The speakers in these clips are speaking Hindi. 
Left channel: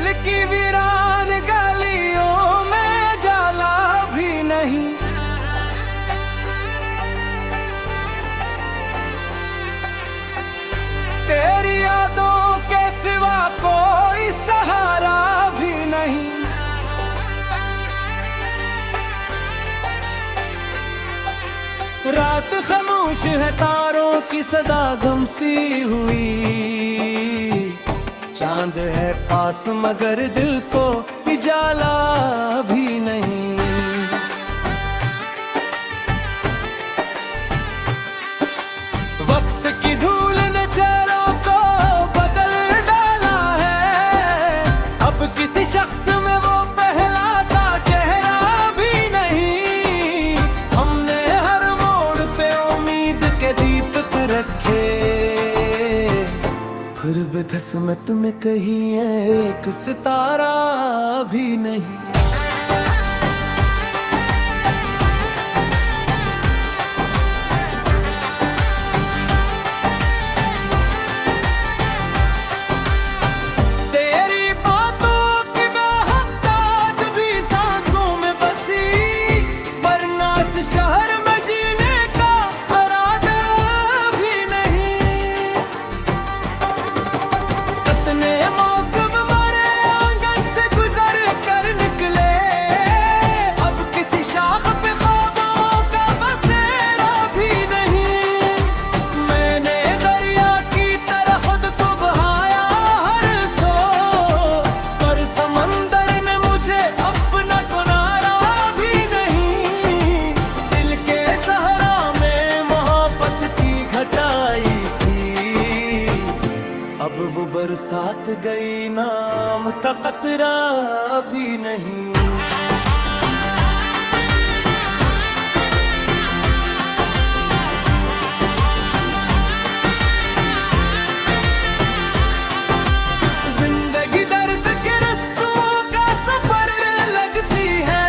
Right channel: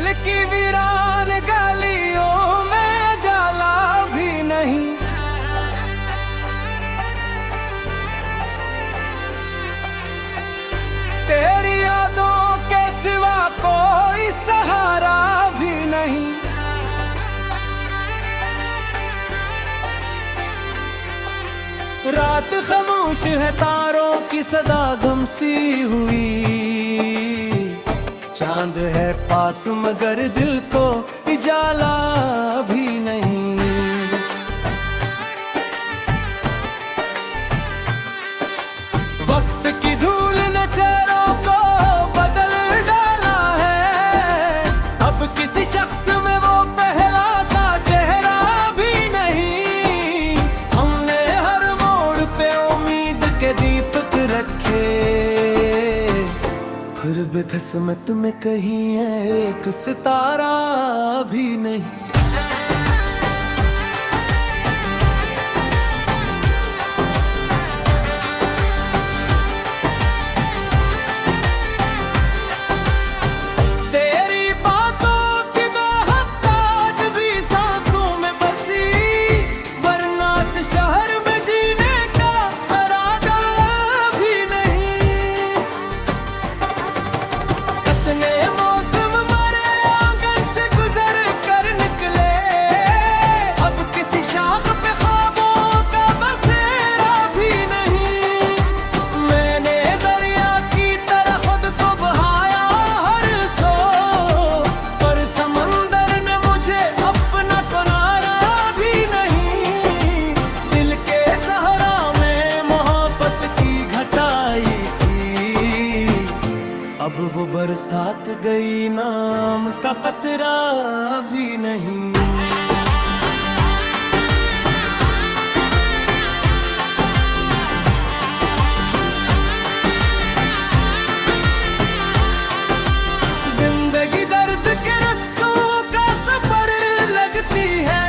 दिल की वीरान गलियों में जाला भी नहीं। तेरी यादों के सिवा कोई सहारा भी नहीं। रात खामोश है, तारों की सदा गम सी हुई। चांद है पास मगर दिल को उजाला भी नहीं। वक्त की धूल ने चेहरों को बदल डाला है। अब किसी शख्स में वो पहला सा चेहरा भी नहीं। हमने हर मोड़ पे उम्मीद के दीपक रखे, फिर भी किस्मत में कहीं है एक सितारा भी नहीं। तेरी बातों की महक आज भी सांसों में बसी, वरना इस शहर में जीने का इरादा भी नहीं। कितने मौसम मरे आंगन से गुजर कर निकले, अब किसी शाख पे ख्वाबों का बसेरा भी नहीं। मैंने दरिया की तरह खुद को बहाया हर सो, पर समंदर ने मुझे अपना किनारा भी नहीं। दिल के सहरा में मोहब्बत की घटाई थी, अब वो बरसात गई, नाम का कतरा भी नहीं। जिंदगी दर्द के रस्तों का सफर लगती है,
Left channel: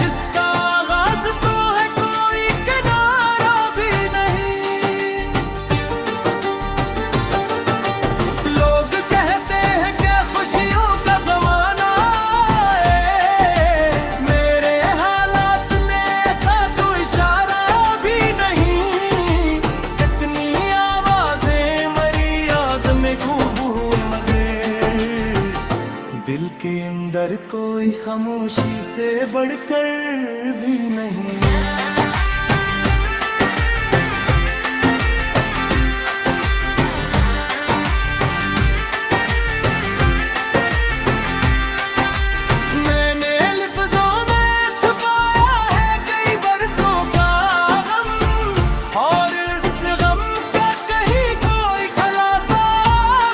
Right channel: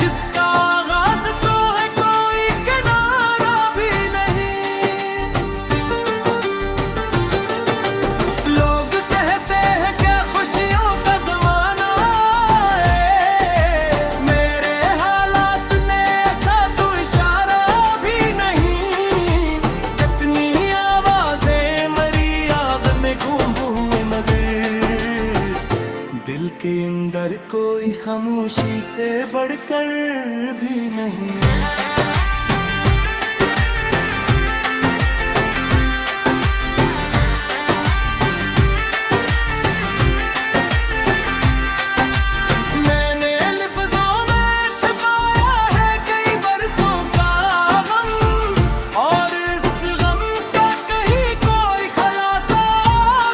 जिसका आगाज तो है कोई किनारा भी नहीं। लोग कहते हैं क्या खुशियों का जमाना है, मेरे हालात ने ऐसा तो इशारा भी नहीं। कितनी आवाजें मरी याद में गूंज हुए, मगर दिल के अंदर कोई खामोशी से बढ़कर भी नहीं। मैंने लफ्जों में छुपाया है कई बरसों का गम, और इस गम का कहीं कोई खलासा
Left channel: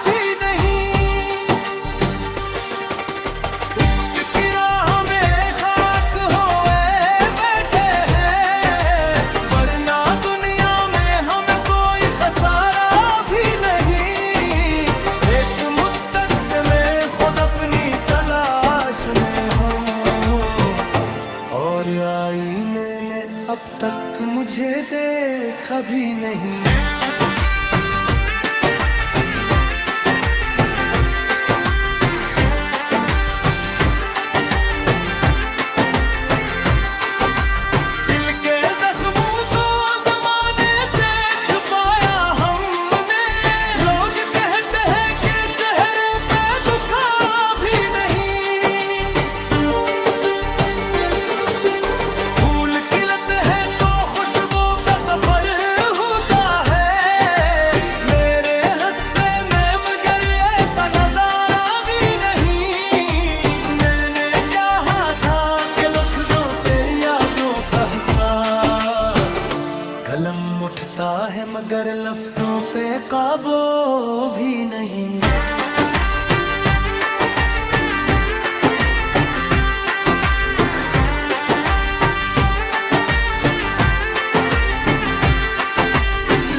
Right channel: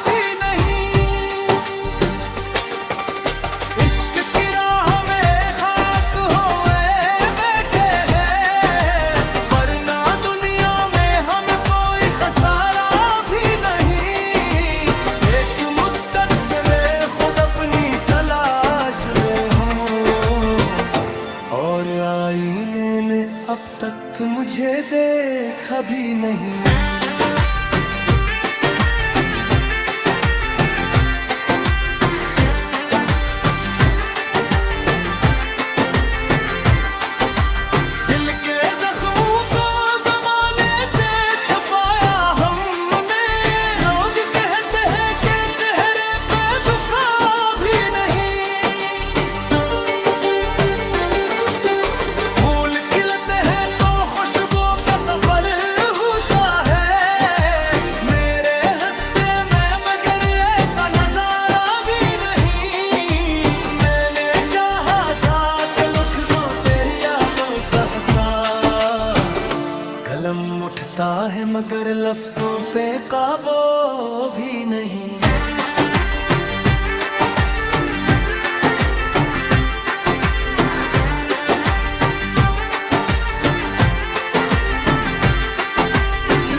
भी नहीं। इश्क की राह में खाक होए बैठे हैं, वरना दुनिया में हम कोई खसारा भी नहीं। एक मुद्दत से मैं खुद अपनी तलाश में हूँ, और आईने ने अब तक मुझे देखा भी नहीं। दिल के जख्मों को जमाने से छुपाया हमने, लोग कहते हैं कि चेहरे पे दुखा भी नहीं। फूल खिलते हैं तो खुशबू का सफर होता है, मेरे हिस्से में मगर ऐसा नजारा भी नहीं। मैंने चाहा था कि लिख दूं तेरी यादों का हिसाब, कलम उठता है मगर लफ्जों पे काबू भी नहीं।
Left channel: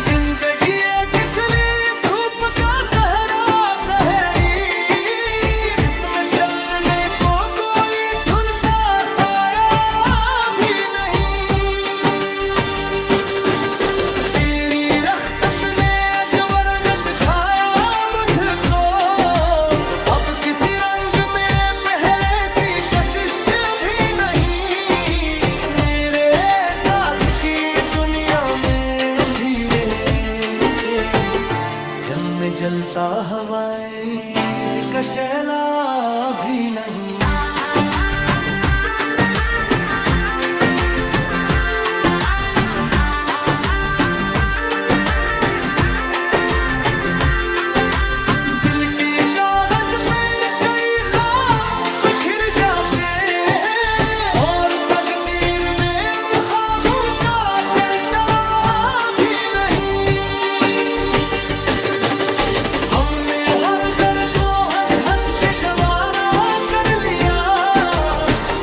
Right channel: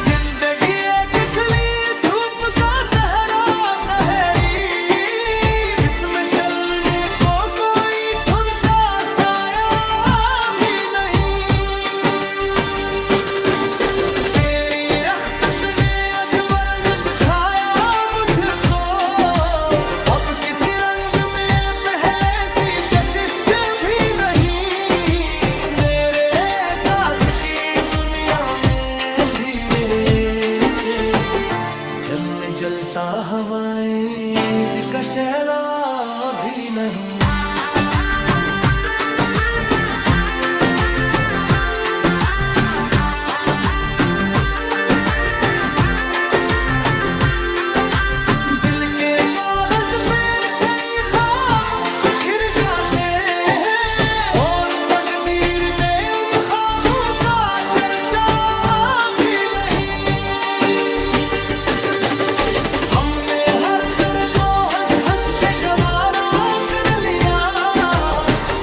जिंदगी एक खिली धूप का सहरा तहरी, जिसमें चलने को कोई ढूंढता साया भी नहीं। तेरी रख्सत ने अजब रंग दिखाया मुझको, में जलता हवाएं ईद का शैला भी नहीं। दिल के कागज पर कई ख्वाब बिखर जाते हैं और तकदीर में उन ख्वाबों का चर्चा भी नहीं। हमने हर दर को हंस हंस के गवारा कर लिया,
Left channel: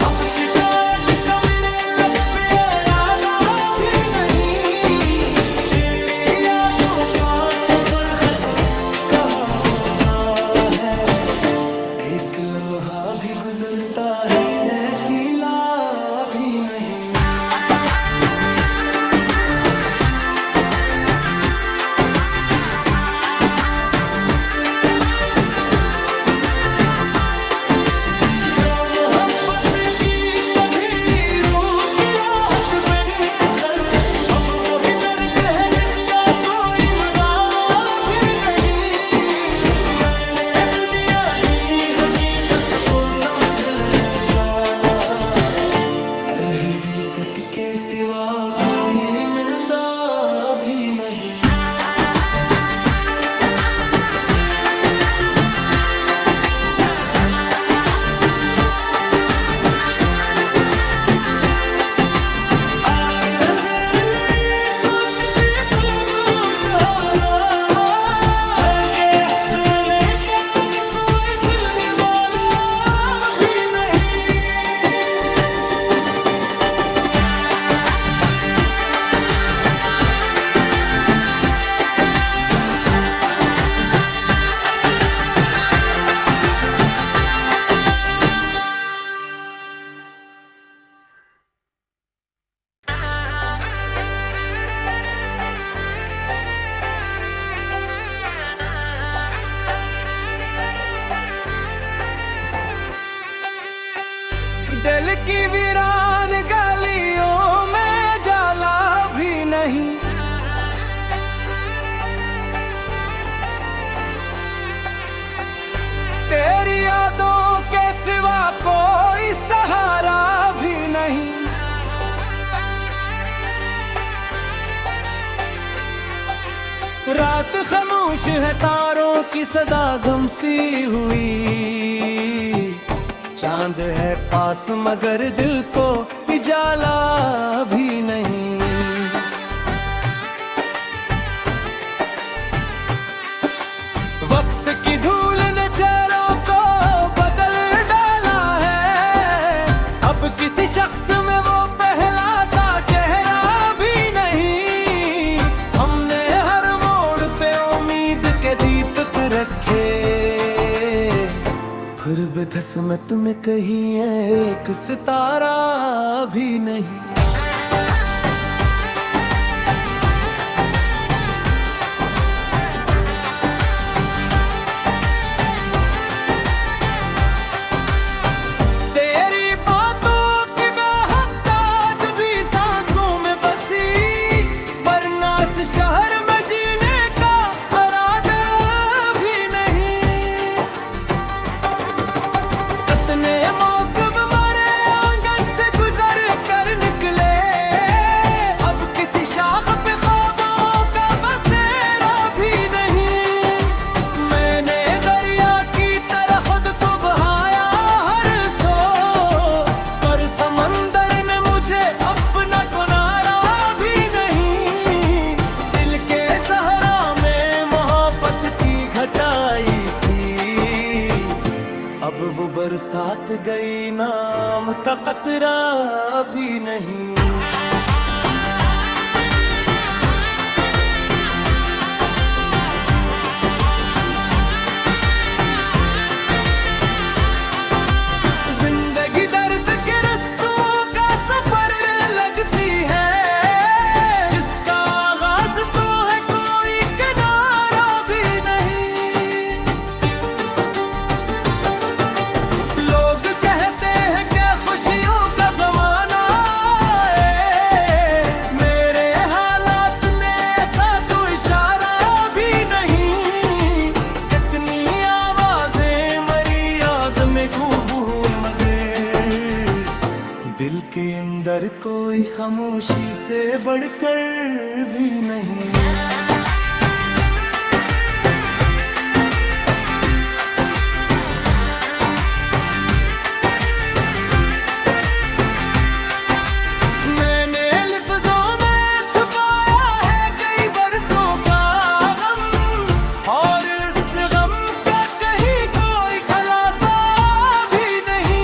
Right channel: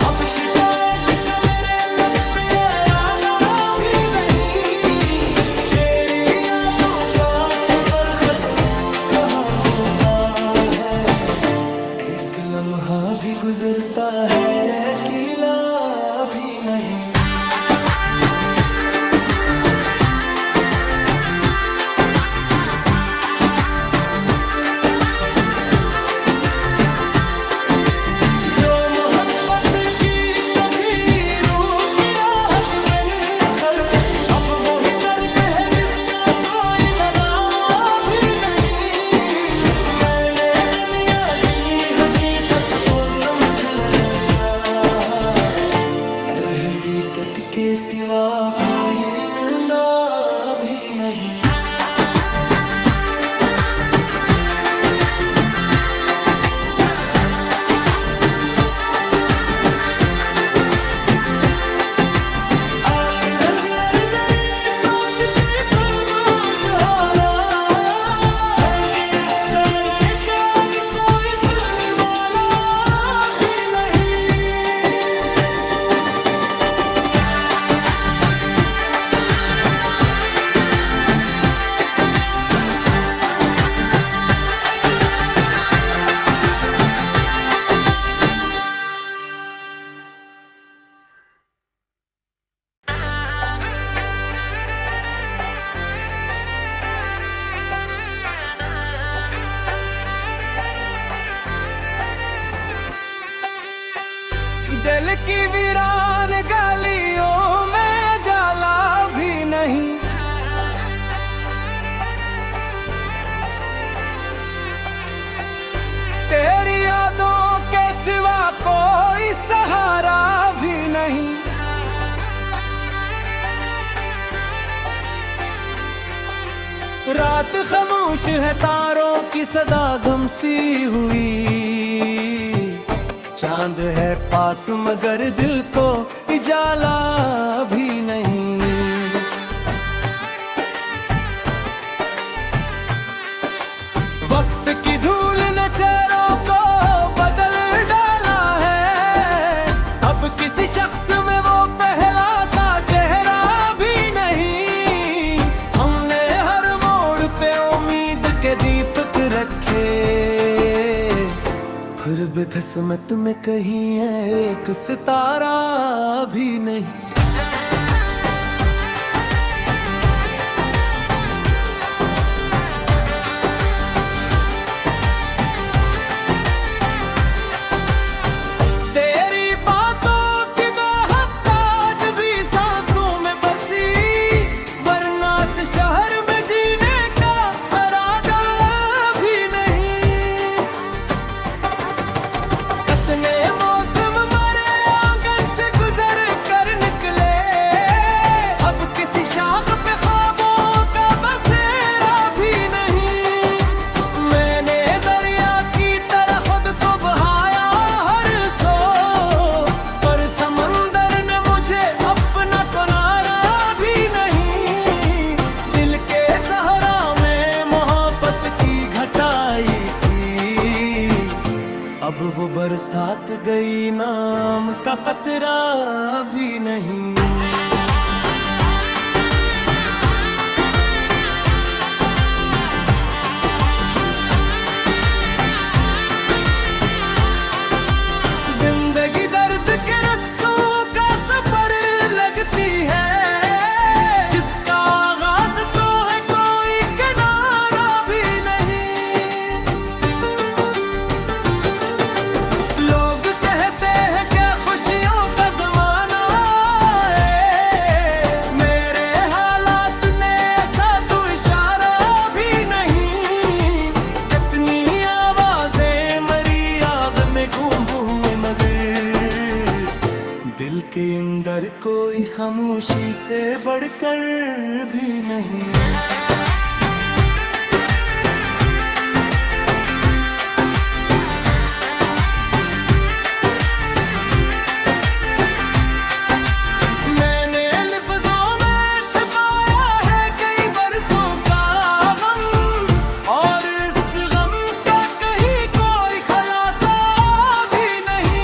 अब शिकायत का मेरे लब पे इरादा भी नहीं। तेरी यादों का सफर खत्म कहाँ होता है, एक लम्हा भी गुजरता है अकेला भी नहीं। जो मोहब्बत की कभी रूह की राहत बनकर, अब वही दर्द है जिसका कोई मदावा भी नहीं। मैंने दुनिया की हकीकत को समझ लगा, हकीकत के सिवा कोई मिलता भी नहीं। शेर नहीं सोचती फरूश हो रहा है कि अहसान का कोई सिर वाला भी नहीं। दिल की वीरान गलियों में जाला भी नहीं। तेरी यादों के सिवा कोई सहारा भी नहीं। रात खामोश है, तारों की सदा गम सी हुई। चांद है पास मगर दिल को उजाला भी नहीं। वक्त की धूल ने चेहरों को बदल डाला है, अब किसी शख्स में वो पहला सा चेहरा भी नहीं। हमने हर मोड़ पे उम्मीद के दीपक रखे, फिर भी किस्मत में कहीं है एक सितारा भी नहीं। तेरी बातों की महक आज भी सांसों में बसी, वरना इस शहर में जीने का इरादा भी नहीं। कितने मौसम मरे आंगन से गुजर कर निकले, अब किसी शाख पे ख्वाबों का बसेरा भी नहीं। मैंने दरिया की तरह खुद को बहाया हर सो, पर समंदर ने मुझे अपना किनारा भी नहीं। दिल के सहरा में मोहब्बत की घटाई थी, अब वो बरसात गई, नाम का कतरा भी नहीं। जिंदगी दर्द के रस्तों का सफर लगती है, जिसका आगाज तो है कोई किनारा भी नहीं। लोग कहते हैं क्या खुशियों का जमाना है, दिल के अंदर कोई खामोशी से बढ़कर भी नहीं। मैंने लफ्ज़ों में छुपाया है कई बरसों का गम, और इस गम का कहीं कोई खलासा भी नहीं।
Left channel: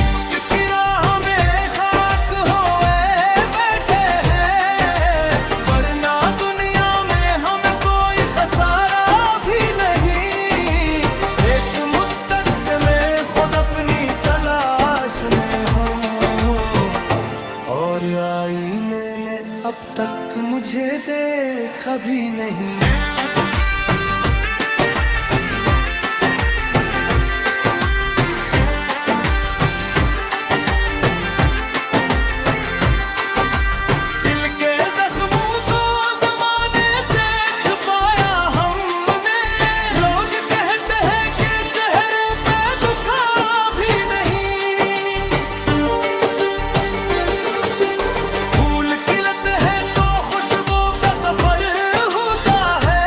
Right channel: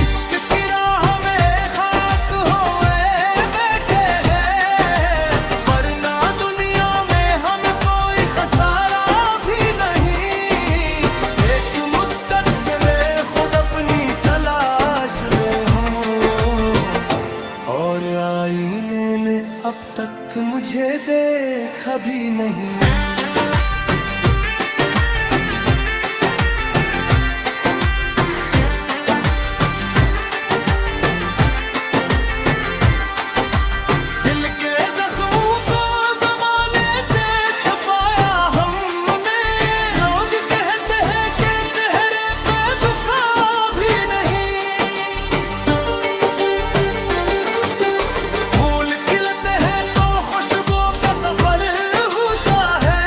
इश्क की राह में खाक होए बैठे हैं, वरना दुनिया में हम कोई खसारा भी नहीं। एक मुद्दत से मैं खुद अपनी तलाश में हूँ, और आईने ने अब तक मुझे देखा भी नहीं। दिल के जख्मों को जमाने से छुपाया हमने, लोग कहते हैं कि चेहरे पे दुखा भी नहीं। फूल खिलते हैं तो खुशबू का सफर होता है,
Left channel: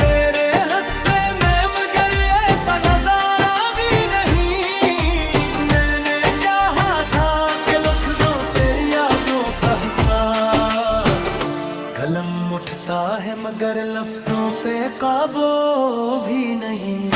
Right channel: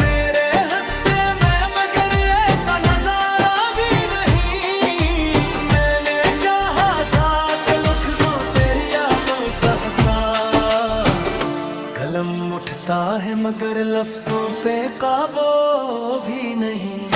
मेरे हिस्से में मगर ऐसा नजारा भी नहीं। मैंने चाहा था कि लिख दूं तेरी यादों का हिसाब, कलम उठता है मगर लफ्जों पे काबू भी नहीं।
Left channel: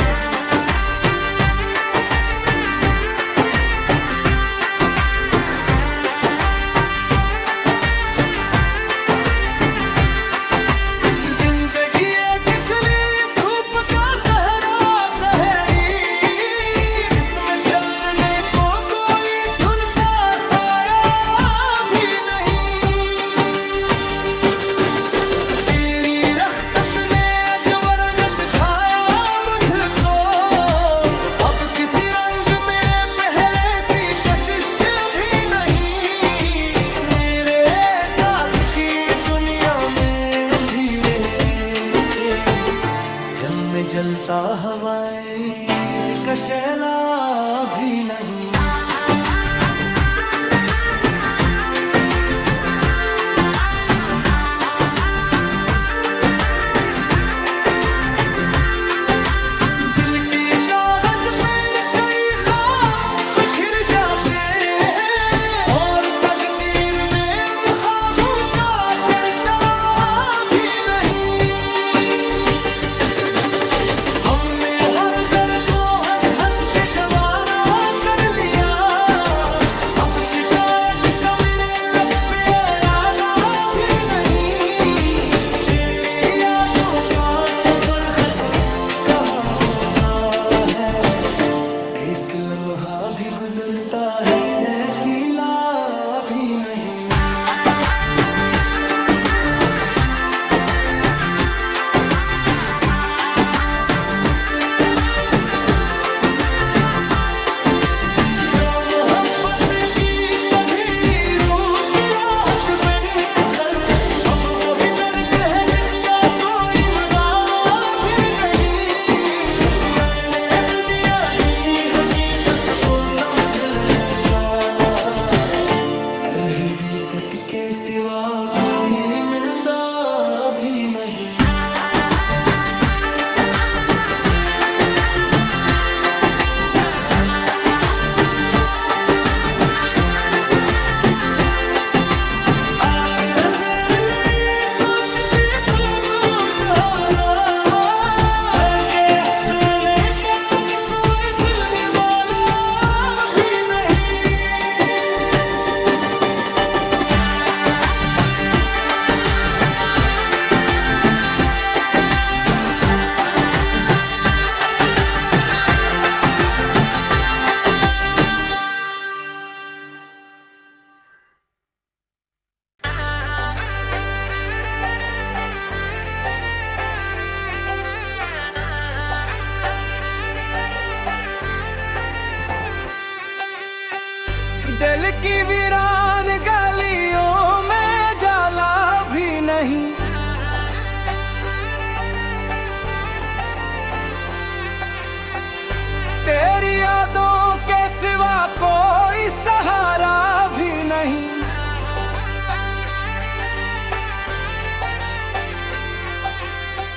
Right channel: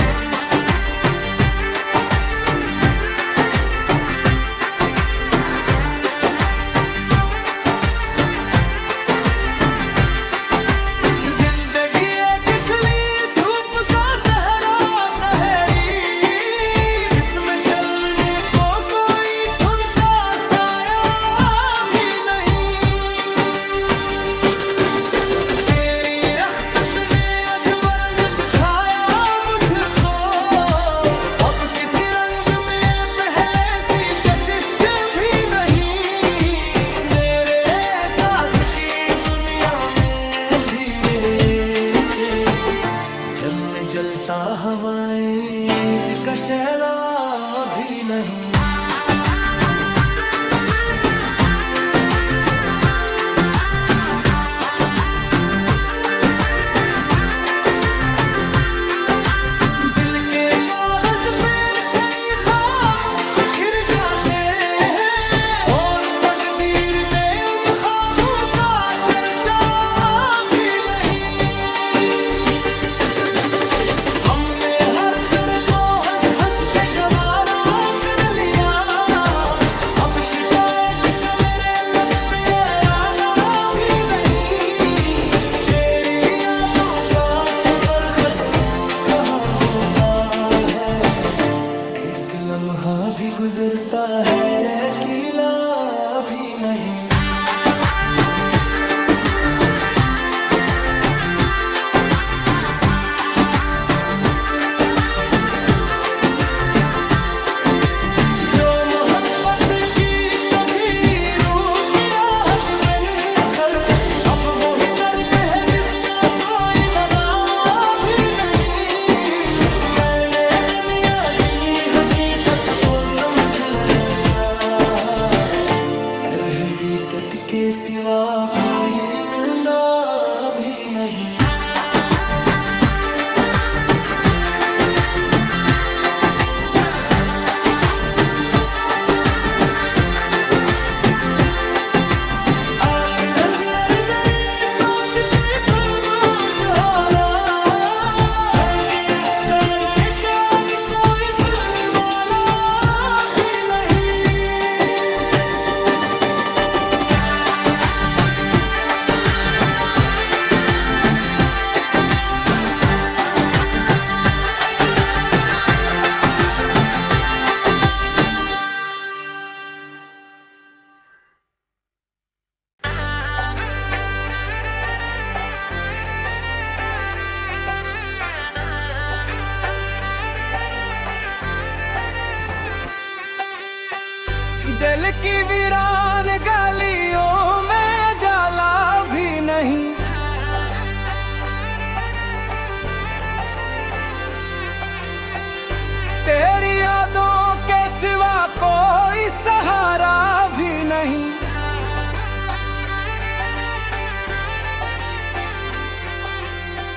जिंदगी एक खिली धूप का सहरा तहरी, जिसमें चलने को कोई ढूंढता साया भी नहीं। तेरी रख्सत ने अजब रंग दिखाया मुझको, अब किसी रंग में पहले सी कशिश भी नहीं। मेरे एहसास की दुनिया में धीरे से जम में जलता हवाएं ईद का शैला भी नहीं। दिल के कागज पर कई ख्वाब बिखर जाते हैं, और तकदीर में उन ख्वाबों का चर्चा भी नहीं। हमने हर दर्द को हंस हंस के गवारा कर लिया, अब शिकायत का मेरे लब पे इरादा भी नहीं। तेरी यादों का सफर खत्म कहाँ होता है, एक लम्हा भी गुजरता है किला भी नहीं। जो मोहब्बत की कभी रूह की राहत बनकर, अब वही दर्द है जिसका कोई मदावा भी नहीं। मैंने दुनिया की हकीकत को समझ लिया, हकीकत के सिवा कोई मिलना भी नहीं। शेर नहीं सोचती खामोश हो रहा है कि एहसान का कोई फिर वाला भी नहीं। दिल की वीरान गलियों में जाला भी नहीं, तेरी यादों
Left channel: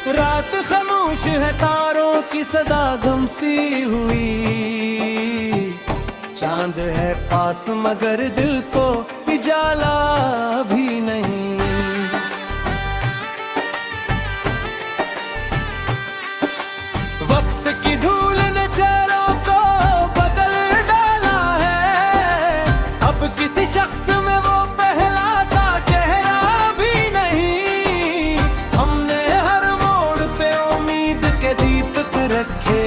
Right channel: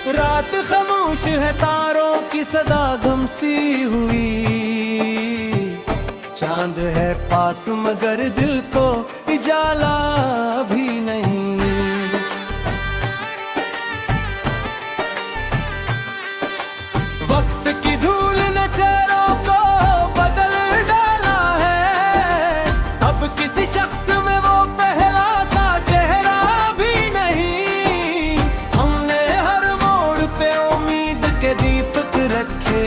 रात खामोश है, तारों की सदा गम सी हुई। चांद है पास मगर दिल को उजाला भी नहीं। वक्त की धूल ने चेहरों को बदल डाला है। अब किसी शख्स में वो पहला सा चेहरा भी नहीं। हमने हर मोड़ पे उम्मीद के दीपक रखे,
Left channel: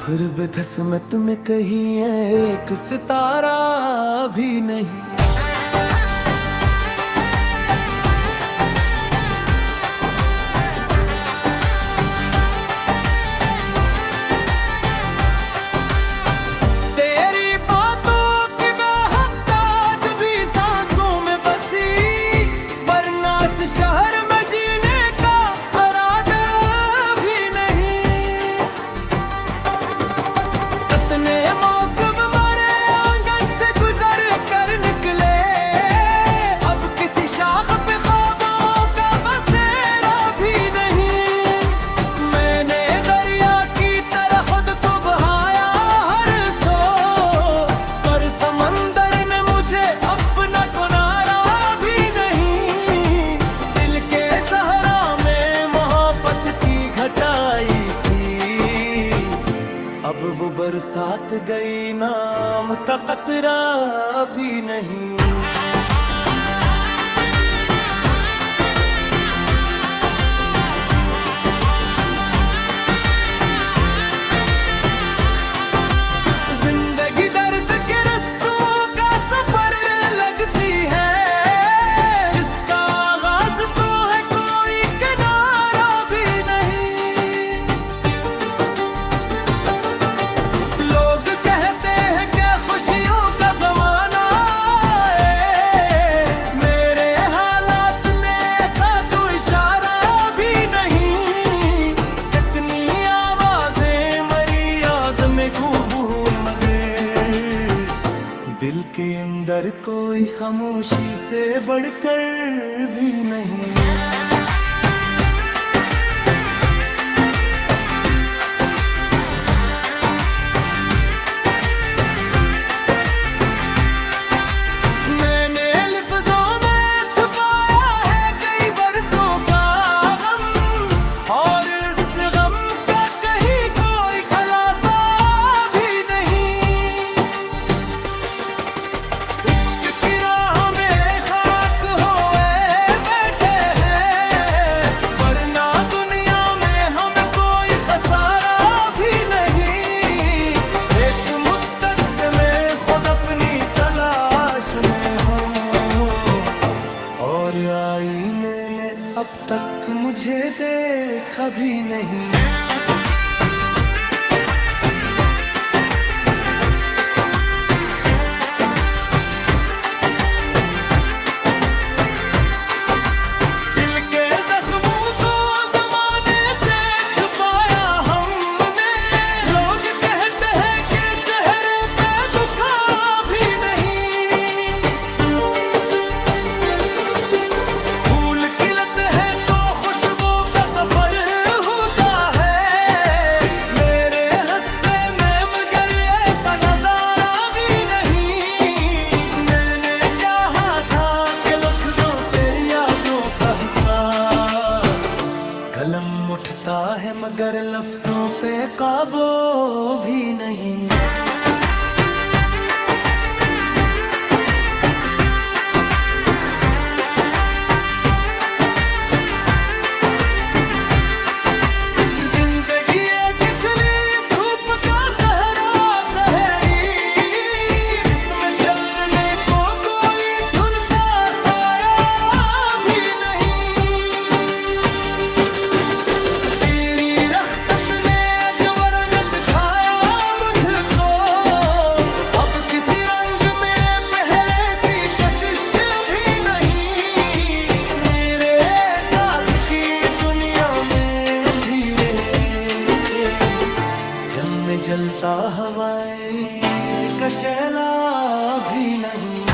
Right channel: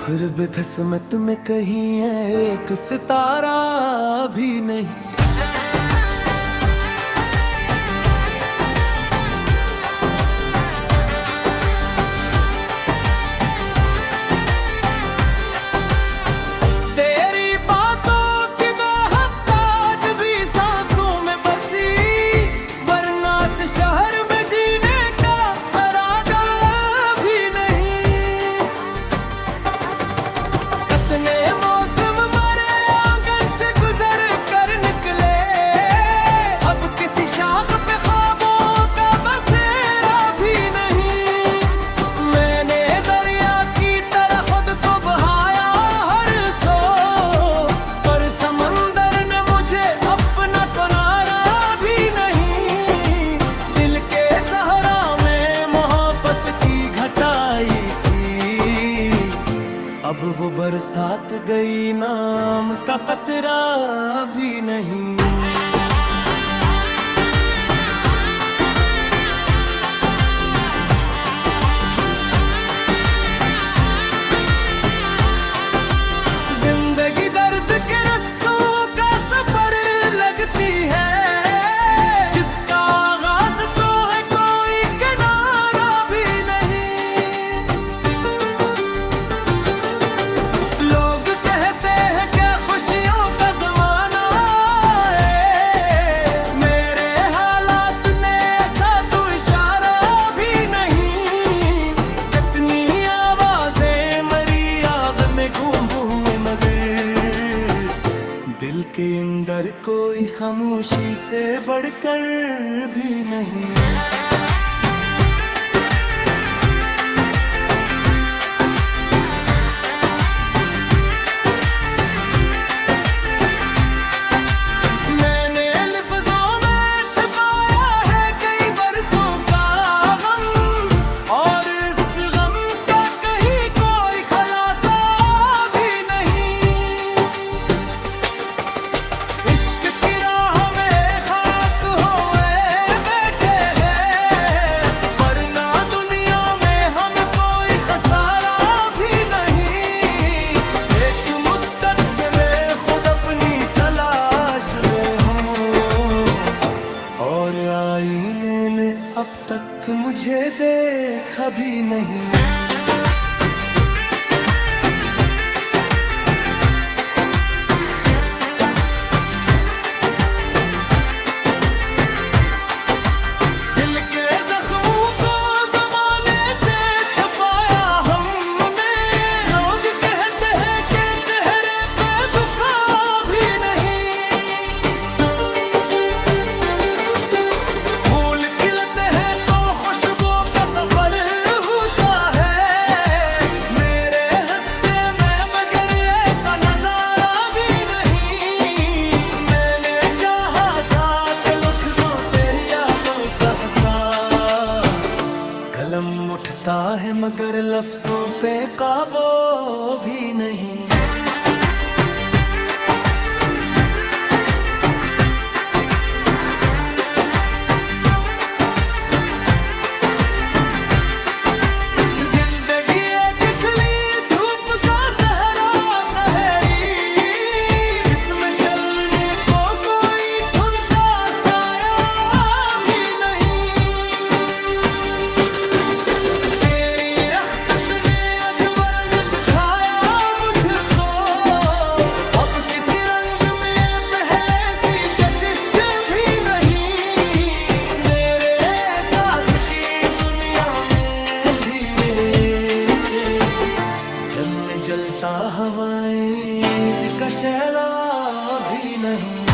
फिर भी धसमत में कहीं है एक सितारा भी नहीं। तेरी बातों की महक आज भी सांसों में बसी, वरना इस शहर में जीने का इरादा भी नहीं। कितने मौसम मरे आंगन से गुजर कर निकले, अब किसी शाख पे ख्वाबों का बसेरा भी नहीं। मैंने दरिया की तरह खुद को बहाया हर सो, पर समंदर ने मुझे अपना किनारा भी नहीं। दिल के सहरा में मोहब्बत की घटाई थी, अब वो बरसात गई, नाम का कतरा भी नहीं। जिंदगी दर्द के रस्तों का सफर लगती है, जिसका आगाज तो है कोई किनारा भी नहीं। लोग कहते हैं क्या खुशियों का जमाना है, मेरे हालात ने ऐसा तो इशारा भी नहीं। कितनी आवाजें मरी याद में गूंज हुए, मगर दिल के अंदर कोई खामोशी से बढ़कर भी नहीं। मैंने लफ्जों में छुपाया है कई बरसों का गम, और इस गम का कहीं कोई खलासा भी नहीं। इश्क की राह में खाक होए बैठे हैं, वरना दुनिया में हमें कोई खसारा भी नहीं। एक मुद्दत से मैं खुद अपनी तलाश में हूँ, और आईने ने अब तक मुझे देखा भी नहीं। दिल के जख्मों को जमाने से छुपाया हमने, लोग कहते हैं कि चेहरे पे दुखा भी नहीं। फूल खिलते हैं तो खुशबू का सफर होता है, मेरे हिस्से में मगर ऐसा नजारा भी नहीं। मैंने चाहा था कि लिख दूं तेरी यादों का हिसाब, कलम उठता है मगर लफ्जों पे काबू भी नहीं। जिंदगी एक खिली धूप का सहरा तहरी, जिसमें चलने को कोई ढूंढता साया भी नहीं। तेरी रख्सत ने अजब रंग दिखाया मुझको, अब किसी रंग में पहले सी कशिश भी नहीं। मेरे एहसास की दुनिया में धीरे से जम में जलता हवाएं, ईद का शैला भी नहीं।